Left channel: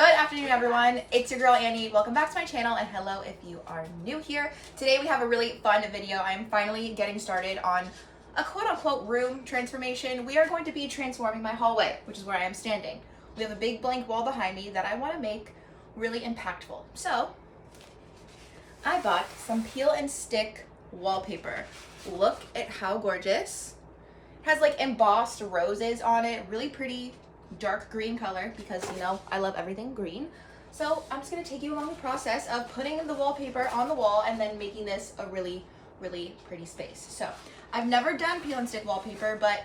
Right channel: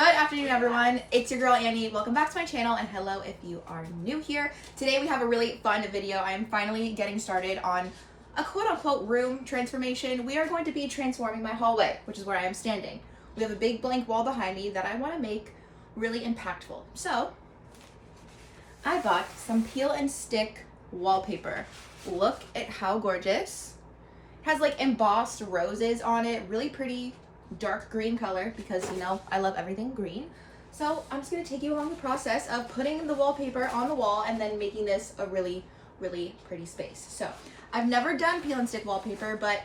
Good afternoon, everyone. It's your girl Annie. Welcome back to my channel, and hello if you are new here. Today we have a really fun video. I'm finally getting started on a quote-unquote room transformation. We are going to be transforming my hallway, which is where I am standing. We have a big blank wall behind me that I want to make really impactful. So I bought some peel and stick wallpaper. Look at how gorgeous. It has like embossed roses on it, really pretty dark green color because, you know, I love everything green. So I'm just going to take you along the process of putting the wallpaper on the wall and then making this a really, really pretty space. So I've never done peel and stick wallpaper, but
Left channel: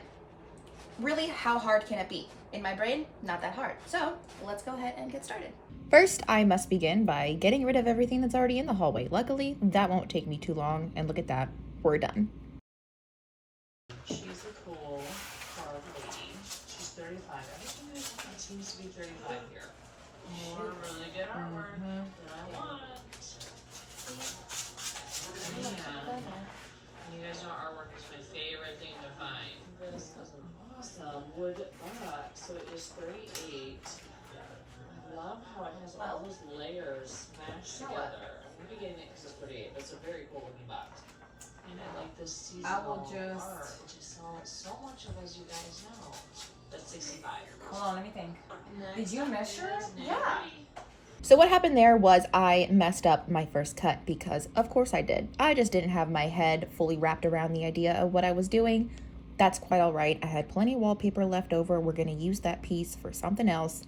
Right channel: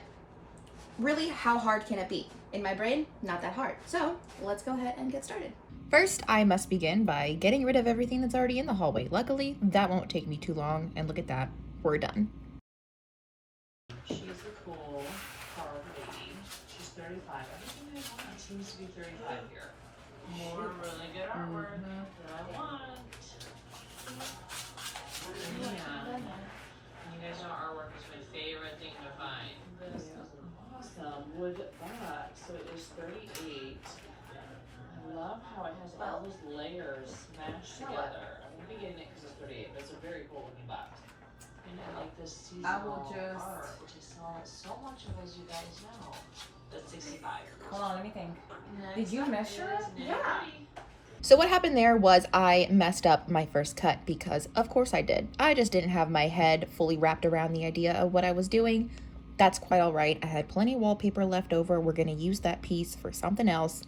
really, how hard can it be? In my brain, not that hard. So let's go ahead and get started. First, I must begin by getting rid of everything that's already in the hallway. Luckily, that won't take me too long, and look at that, we're done. She's a cool hard lady. She's 35. Everything seems to be 35 here. More really good artwork than I want. Yeah. You guys know artwork is my favorite thing to find. This is an awesome wood art. So it is 38. I love how it has all those layers mashed together. I'm going to be getting it because it's 38, but it's a very cool looking box. And I like this seasonal art. It just sells so much of, as you guys know. That's 65. Hold on, let me think. Did you measure it? Yeah. So what happened there was I messed up my first cut because of course I did. I just didn't have my head fully wrapped around the idea of what I was doing. That's quite all right. I had plenty of wallpaper left over. We're going to use that piece for something else.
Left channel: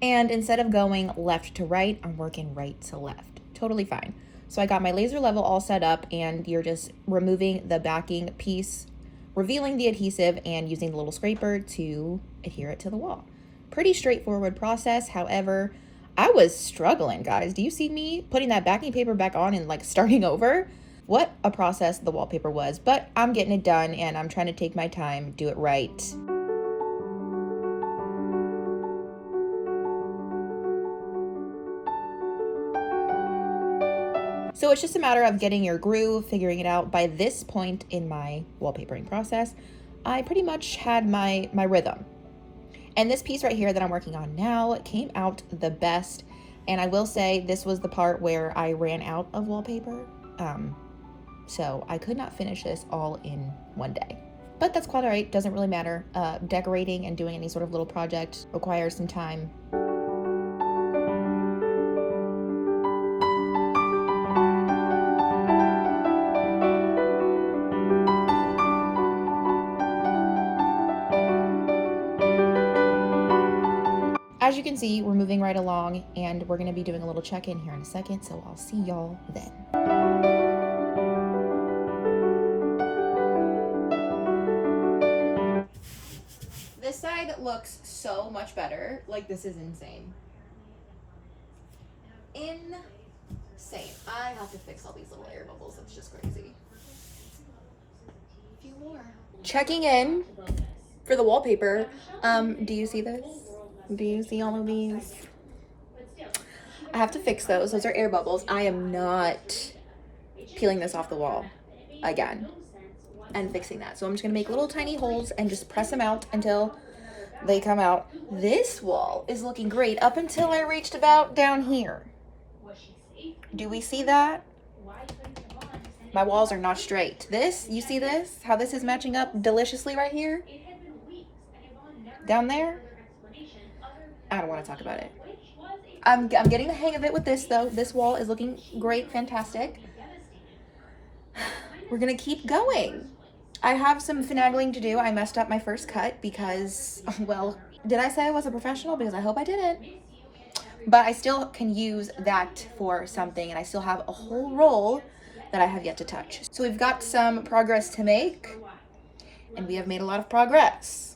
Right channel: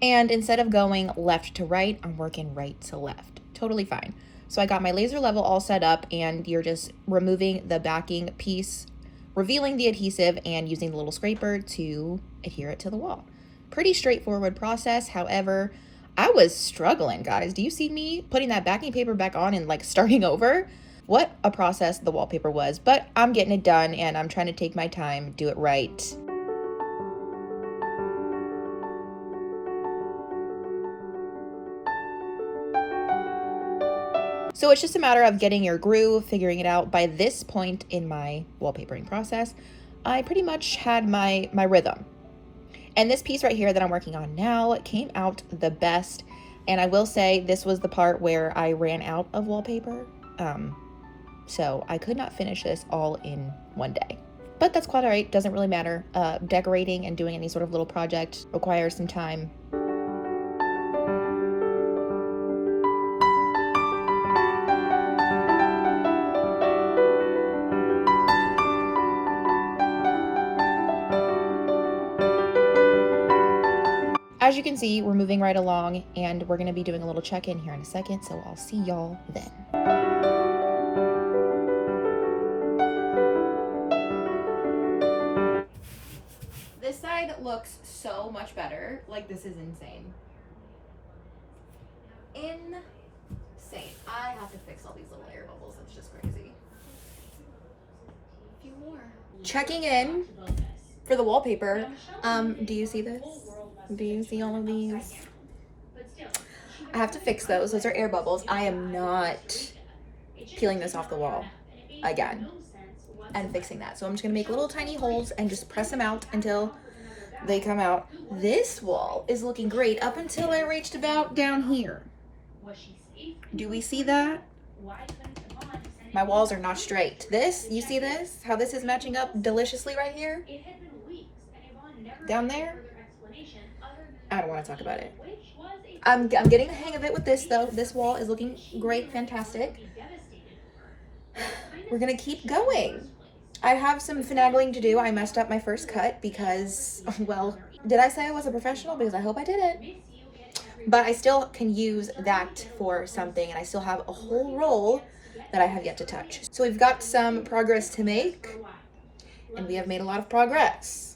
And instead of going left to right, I'm working right to left. Totally fine. So I got my laser level all set up, and you're just removing the backing piece, revealing the adhesive, and using the little scraper to adhere it to the wall. Pretty straightforward process. However, I was struggling, guys. Do you see me putting that backing paper back on and like starting over? What a process the wallpaper was, but I'm getting it done, and I'm trying to take my time, do it right. So it's just a matter of getting your groove, figuring it out. By this point in my wallpapering process, I pretty much had my rhythm. And this piece right here that I'm working on now came out the best. And I will say this was the part where I ran out of wallpaper. So I could not finish this all in one day. But that's quite all right, doesn't really matter. Decorating and doing any sort of little project requires some time. As you can see, we're moving right along, and we're going to be doing a little check-in here in a second, so I'll see y'all then. This side looks so much better. Like, this is insane. Insane. I have to fix all these little air bubbles. That's just crazy. A few more. Checking in for the wallpaper. Do you see this? Do you see all of these? I have to fix those. Those are air bubbles. I am not peeling this off the wall again and fixing that. So I'm just gonna make little tiny holes and just press them out until they come out. This wall is looking great up until I reached about down here. Do we see that? My walls are not straight. This, you see this? How this is matching up deliciously right here? Down there? I don't want to talk about it. I'm getting the hang of it with this though. This wall is looking great, fantastic. We're gonna keep going. I have some finagling to do. I messed up my first cut because, well, did I say I was a professional? Because I hope I didn't. But I still can use that for something, and I still have a whole roll that I have yet to touch. So we've got some progress to make, and we have made a lot of progress.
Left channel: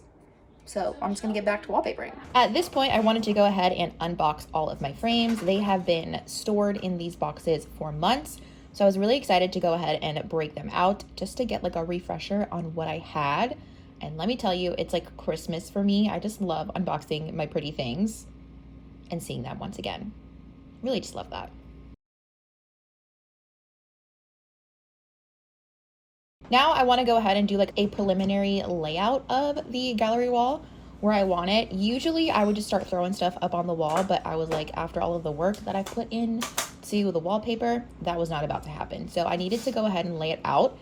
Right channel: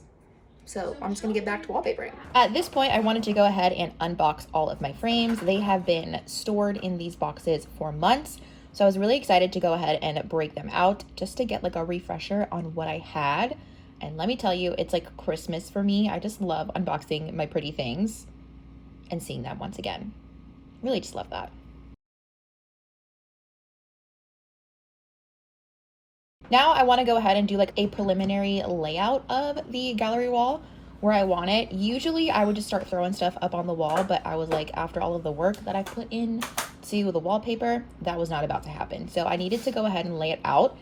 So I'm just gonna get back to wallpapering. At this point, I wanted to go ahead and unbox all of my frames. They have been stored in these boxes for months. So I was really excited to go ahead and break them out just to get like a refresher on what I had. And let me tell you, it's like Christmas for me. I just love unboxing my pretty things and seeing them once again. Really just love that. Now I want to go ahead and do like a preliminary layout of the gallery wall. where I want it. Usually I would just start throwing stuff up on the wall, but I was like, after all of the work that I put in to the wallpaper, that was not about to happen. So I needed to go ahead and lay it out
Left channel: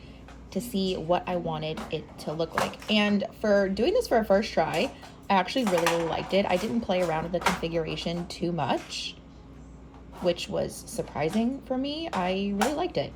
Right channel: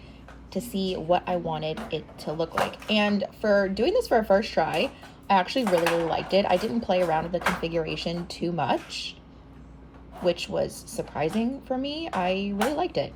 to see what I wanted it to look like. And for doing this for a first try, I actually really liked it. I didn't play around with the configuration too much, which was surprising for me. I really liked it.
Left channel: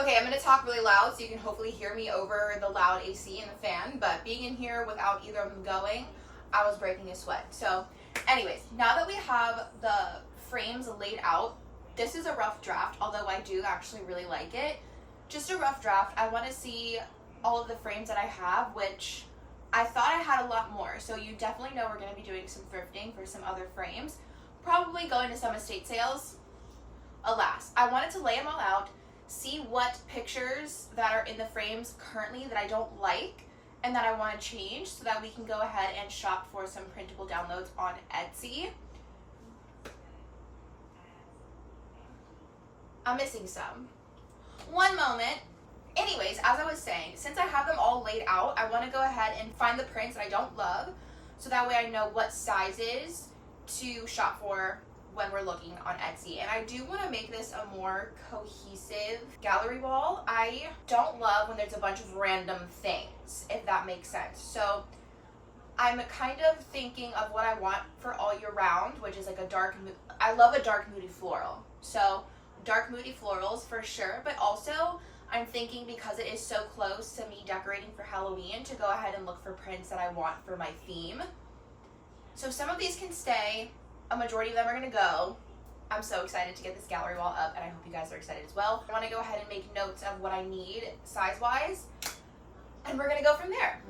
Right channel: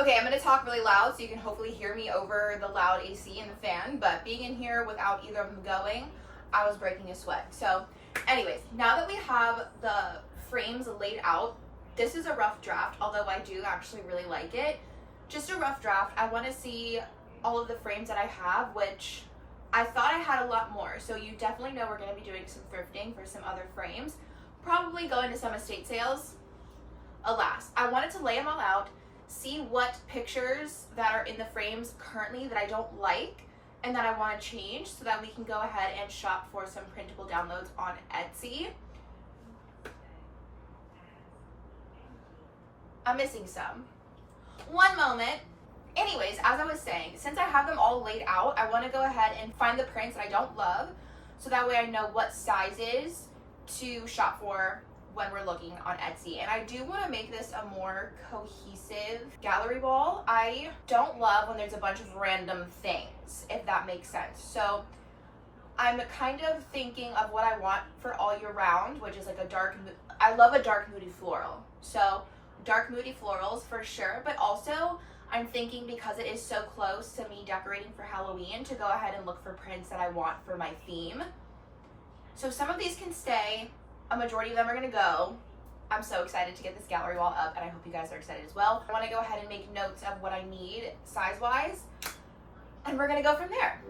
Okay, I'm gonna talk really loud so you can hopefully hear me over the loud AC and the fan, but being in here without either of them going, I was breaking a sweat. So anyways, now that we have the frames laid out, this is a rough draft, although I do actually really like it. Just a rough draft. I wanna see all of the frames that I have, which I thought I had a lot more. So you definitely know we're gonna be doing some thrifting for some other frames, probably going to some estate sales. Alas, I wanted to lay them all out, see what pictures that are in the frames currently that I don't like and that I want to change so that we can go ahead and shop for some printable downloads on Etsy. I'm missing some. One moment. Anyways, as I was saying, since I have them all laid out, I want to go ahead and find the prints that I don't love so that way I know what sizes to shop for when we're looking on Etsy. And I do want to make this a more cohesive gallery wall. I don't love when there's a bunch of random things, if that makes sense. So I'm kind of thinking of what I want for all year round, which is like a dark, I love a dark moody floral. So dark moody florals for sure, but also I'm thinking because it is so close to me decorating for Halloween to go ahead and look for prints that I want for my theme. So some of these can stay. A majority of them are gonna go. I'm so excited to get this gallery wall up and I hope you guys are excited as well. I wanna go ahead and make notes of what I need size-wise and we're gonna go from there.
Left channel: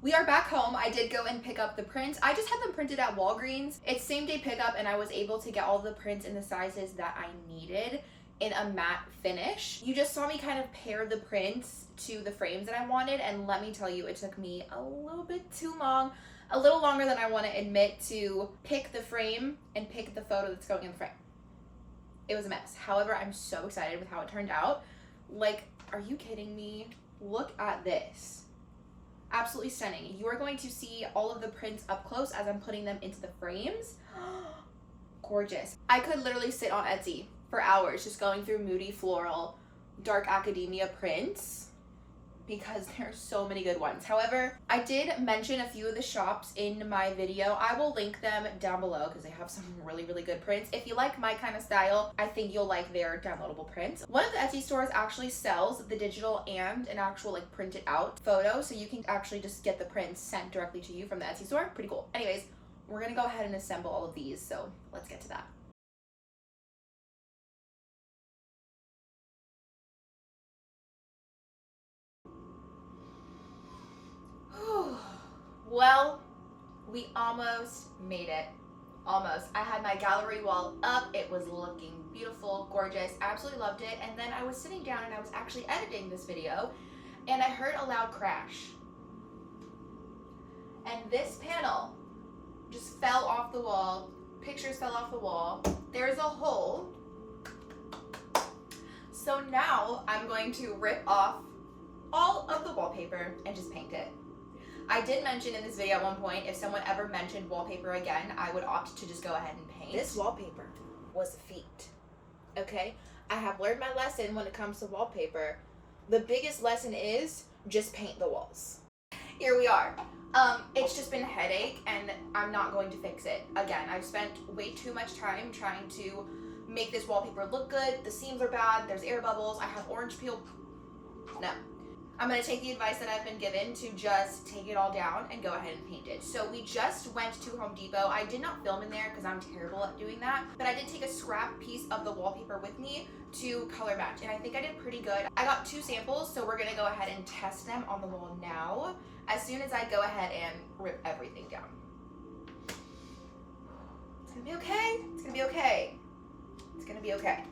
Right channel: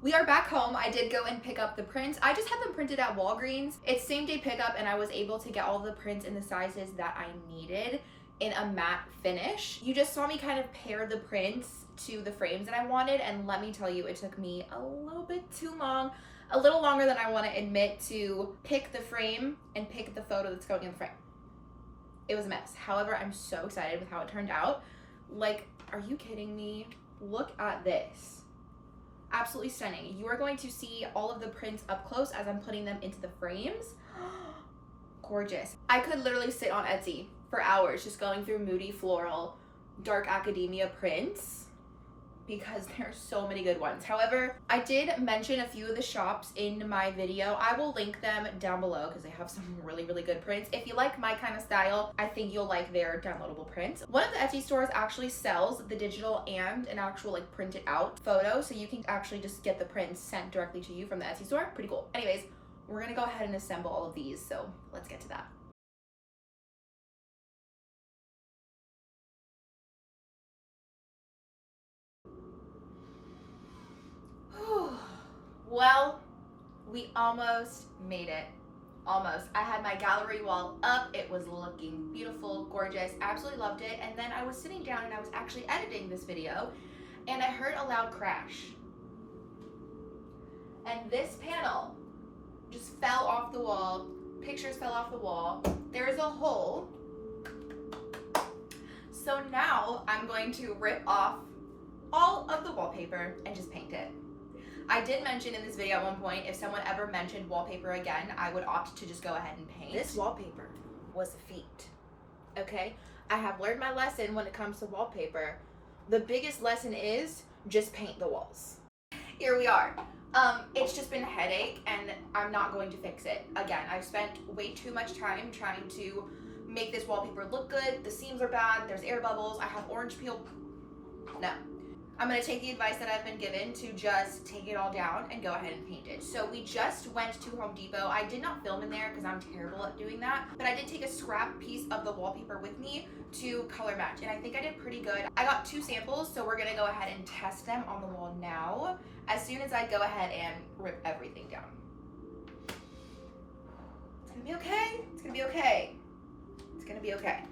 We are back home. I did go and pick up the prints. I just had them printed at Walgreens. It's same day pickup and I was able to get all the prints in the sizes that I needed in a matte finish. You just saw me kind of pair the prints to the frames that I wanted, and let me tell you, it took me a little bit too long, a little longer than I want to admit, to pick the frame and pick the photo that's going in the frame. It was a mess. However, I'm so excited with how it turned out. Like, are you kidding me? Look at this. Absolutely stunning. You are going to see all of the prints up close as I'm putting them into the frames. Gorgeous. I could literally sit on Etsy for hours just going through moody floral, dark academia prints because there's so many good ones. However, I did mention a few of the shops in my video. I will link them down below because they have some really, really good prints. If you like my kind of style, I think you'll like their downloadable prints. One of the Etsy stores actually sells the digital and an actual like printed out photo, so you can actually just get the prints sent directly to you from the Etsy store. Pretty cool. Anyways, we're gonna go ahead and assemble all of these, so let's get to that. Well, we almost made it. Almost. I had my gallery wall up. It was looking beautiful, gorgeous. Absolutely loved it. And then I was sitting down and I was actually editing this video and I heard a loud crash. And this panel just fell off the wall. Pictures fell off the wall. There's a hole. So now I'm going to rip off all of the wallpaper and just paint it. I did mention in this video at one point, if someone ever mentioned wallpaper again, I would opt to just go ahead and paint. This wallpaper was a feat, okay? I have learned my lesson when it comes to wallpaper. The biggest lesson is just paint the walls. Here we are. It's just been a headache and I'm not going to fix it. Again, I've spent way too much time trying to make this wallpaper look good. The seams are bad, there's air bubbles, I have orange peel. No. I'm gonna take the advice that I've been given to just take it all down and go ahead and paint it. So we just went to Home Depot. I did not film in there because I'm terrible at doing that, but I did take a scrap piece of the wallpaper with me to color match, and I think I did pretty good. I got 2 samples, so we're gonna go ahead and test them on the wall now, as soon as I go ahead and rip everything down. It's gonna be okay. It's gonna be okay. It's gonna be okay.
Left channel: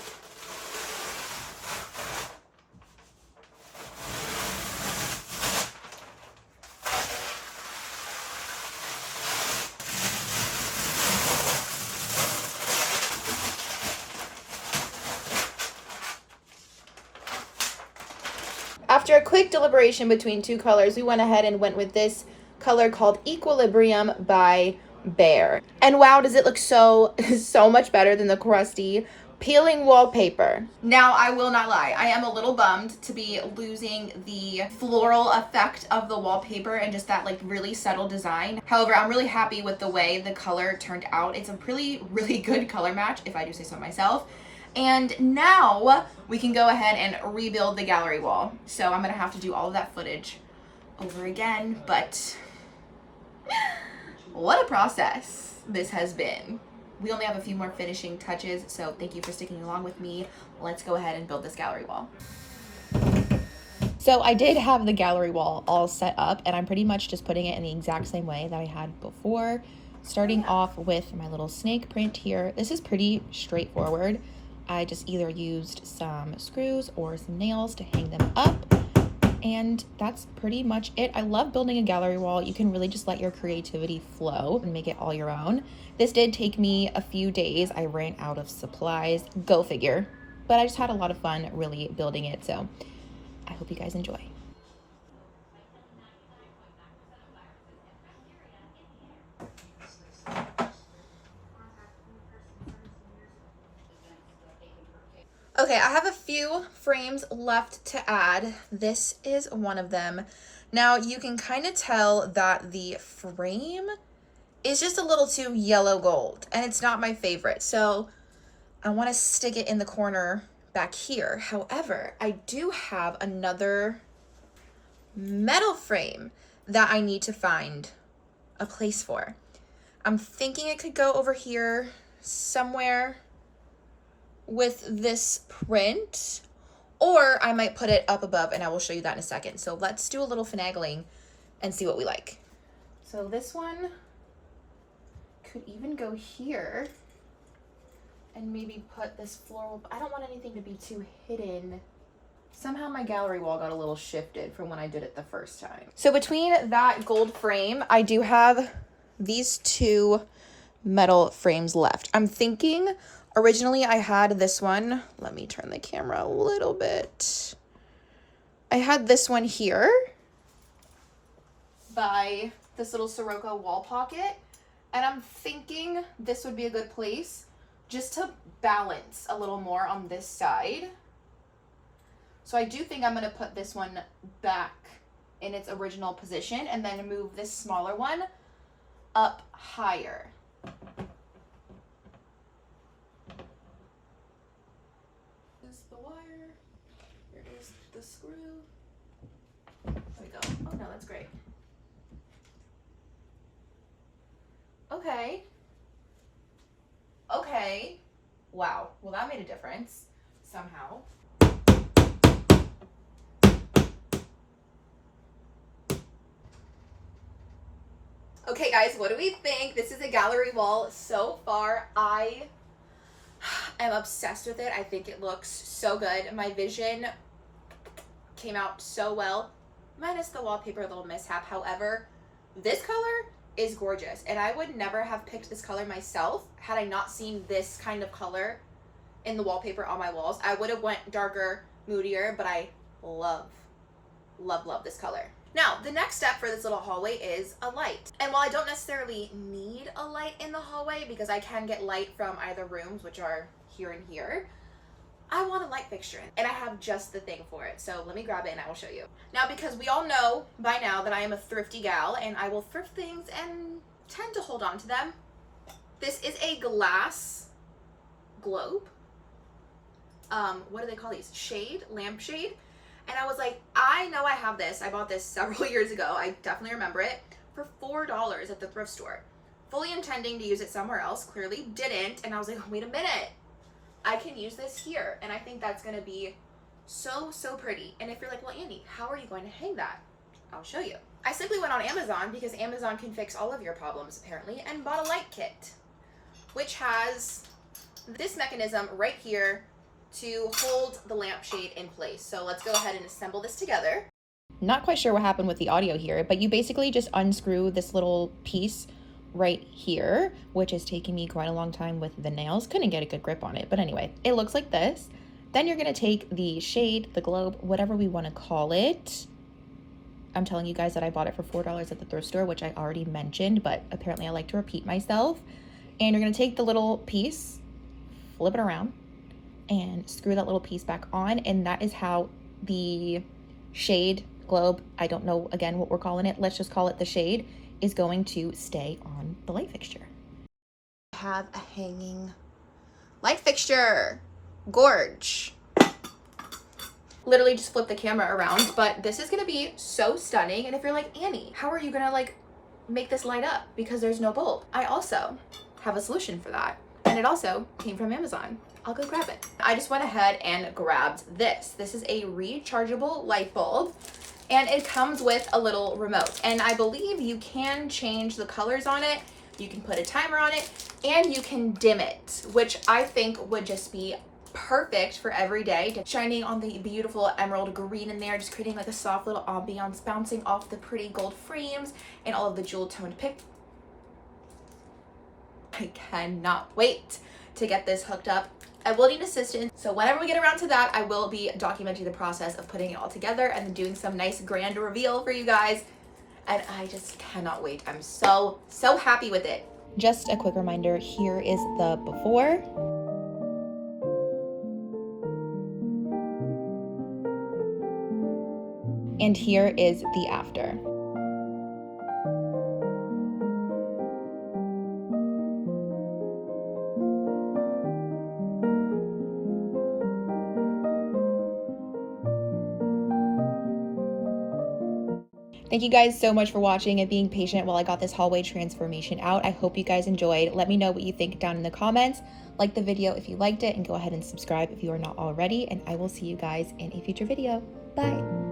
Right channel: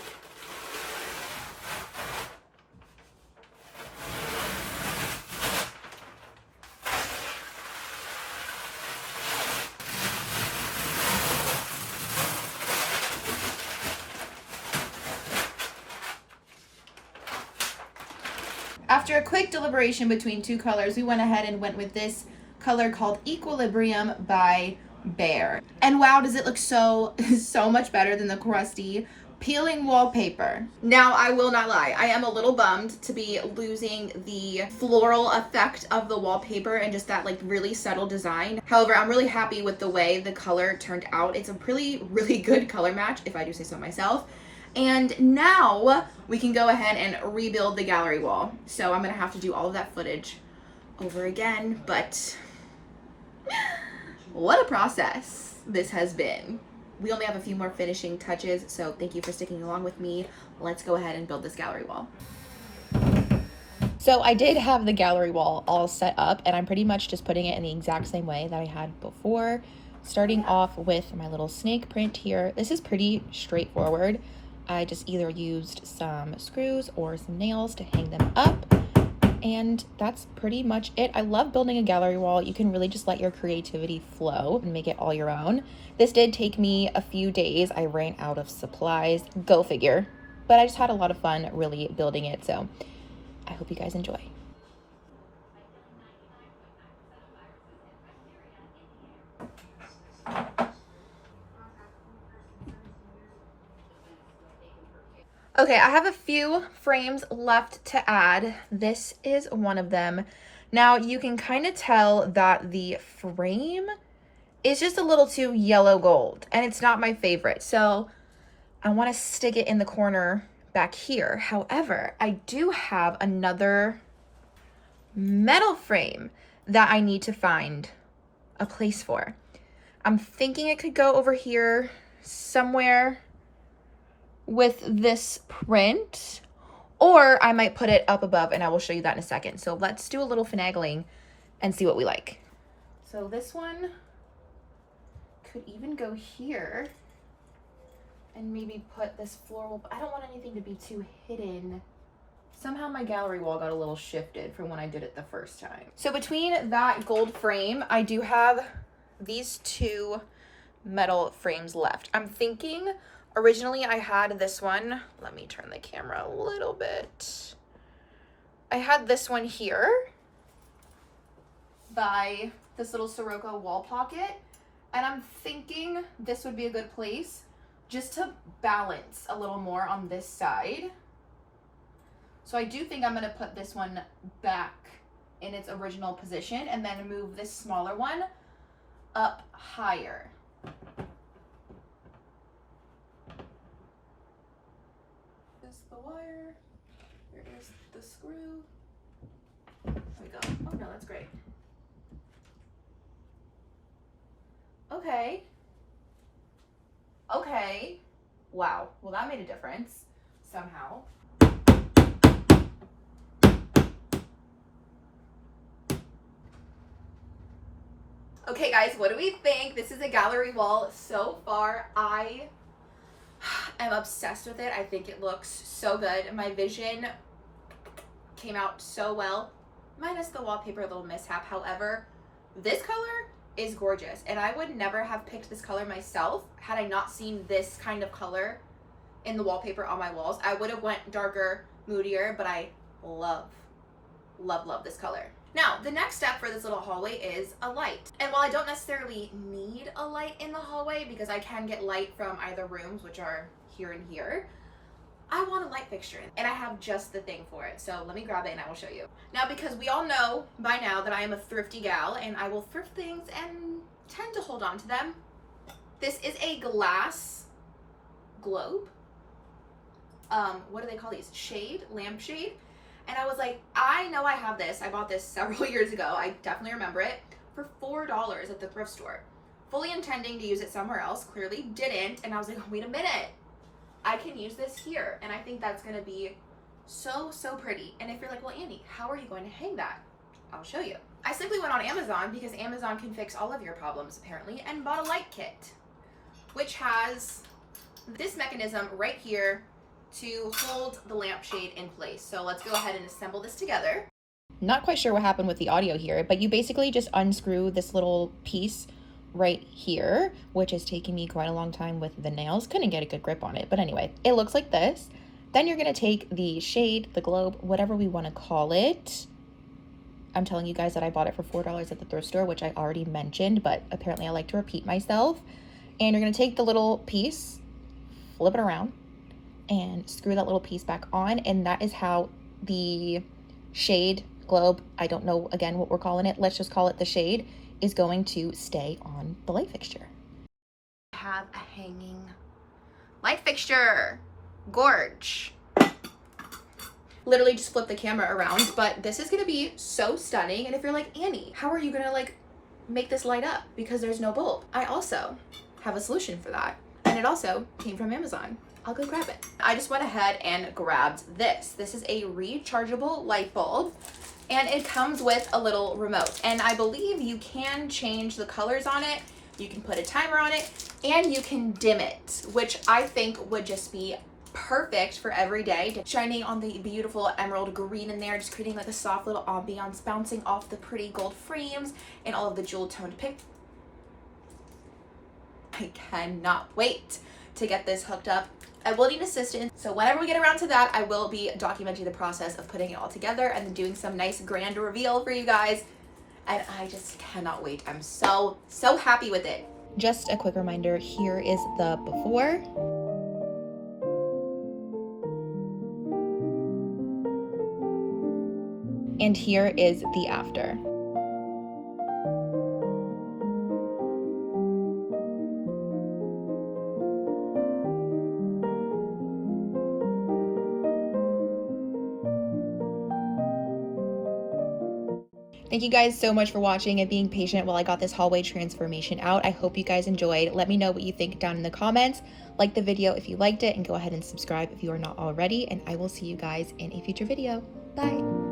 After a quick deliberation between two colors, we went ahead and went with this color called Equilibrium by Bear. And wow, does it look so much better than the crusty peeling wallpaper. Now, I will not lie, I am a little bummed to be losing the floral effect of the wallpaper and just that like really subtle design. However, I'm really happy with the way the color turned out. It's a really good color match, if I do say so myself. And now we can go ahead and rebuild the gallery wall. So I'm gonna have to do all of that footage over again, but what a process this has been. We only have a few more finishing touches, so thank you for sticking along with me. Let's go ahead and build this gallery wall. So I did have the gallery wall all set up, and I'm pretty much just putting it in the exact same way that I had before. Starting off with my little snake print here. This is pretty straightforward. I just either used some screws or some nails to hang them up. And that's pretty much it. I love building a gallery wall. You can really just let your creativity flow and make it all your own. This did take me a few days. I ran out of supplies. Go figure. But I just had a lot of fun really building it. So I hope you guys enjoy. Okay, I have a few frames left to add. This is one of them. Now you can kind of tell that the frame is just a little too yellow gold and it's not my favorite. So I want to stick it in the corner back here. However, I do have another metal frame that I need to find a place for. I'm thinking it could go over here somewhere with this print, or I might put it up above and I will show you that in a second. So let's do a little finagling and see what we like. So this one could even go here and maybe put this floral. I don't want anything to be too hidden. Somehow my gallery wall got a little shifted from when I did it the first time. So between that gold frame, I do have these two metal frames left. I'm thinking originally I had this one. Let me turn the camera a little bit. I had this one here by this little Sirocco wall pocket. And I'm thinking this would be a good place just to balance a little more on this side. So I do think I'm gonna put this one back in its original position and then move this smaller one up higher. The wire, here is the screw. There we go. Oh no, that's great. Okay. Okay. Wow. Well, that made a difference somehow. Okay guys, what do we think? This is a gallery wall so far. I am obsessed with it. I think it looks so good. My vision came out so well, minus the wallpaper little mishap. However, this color is gorgeous, and I would never have picked this color myself had I not seen this kind of color in the wallpaper on my walls. I would have went darker, moodier, but I love this color. Now, the next step for this little hallway is a light. And while I don't necessarily need a light in the hallway because I can get light from either rooms, which are here and here, I want a light fixture and I have just the thing for it. So let me grab it and I will show you. Now, because we all know by now that I am a thrifty gal and I will thrift things and tend to hold on to them. This is a glass globe. What do they call these? Lampshade. And I was like, I know I have this. I bought this several years ago. I definitely remember it for $4 at the thrift store. Fully intending to use it somewhere else, clearly didn't. And I was like, oh, wait a minute. I can use this here. And I think that's gonna be so pretty. And if you're like, well, Annie, how are you going to hang that? I'll show you. I simply went on Amazon because Amazon can fix all of your problems apparently, and bought a light kit, which has this mechanism right here to hold the lampshade in place. So let's go ahead and assemble this together. Not quite sure what happened with the audio here, but you basically just unscrew this little piece right here, which is taking me quite a long time with the nails. Couldn't get a good grip on it, but anyway, it looks like this. Then you're gonna take the shade, the globe, whatever we wanna call it. I'm telling you guys that I bought it for $4 at the thrift store, which I already mentioned, but apparently I like to repeat myself. And you're gonna take the little piece, flip it around, and screw that little piece back on. And that is how the shade, globe, I don't know again what we're calling it, let's just call it the shade, is going to stay on the light fixture. I have a hanging light fixture. Gorge. Literally just flip the camera around, but this is gonna be so stunning. And if you're like, Annie, how are you gonna like make this light up because there's no bulb? I also have a solution for that, and it also came from Amazon. I'll go grab it. I just went ahead and grabbed this. This is a rechargeable light bulb, and it comes with a little remote, and I believe you can change the colors on it. You can put a timer on it, and you can dim it, which I think would just be perfect for every day. Shining on the beautiful emerald green in there, just creating like a soft little ambiance, bouncing off the pretty gold frames and all of the jewel toned pictures. I cannot wait to get this hooked up. I will need assistance, so whenever we get around to that, I will be documenting the process of putting it all together and then doing some nice grand reveal for you guys. And I just cannot wait. I'm so happy with it. Just a quick reminder, here is the before. And here is the after. Thank you guys so much for watching and being patient while I got this hallway transformation out. I hope you guys enjoyed. Let me know what you think down in the comments. Like the video if you liked it, and go ahead and subscribe if you are not already. And I will see you guys in a future video. Bye.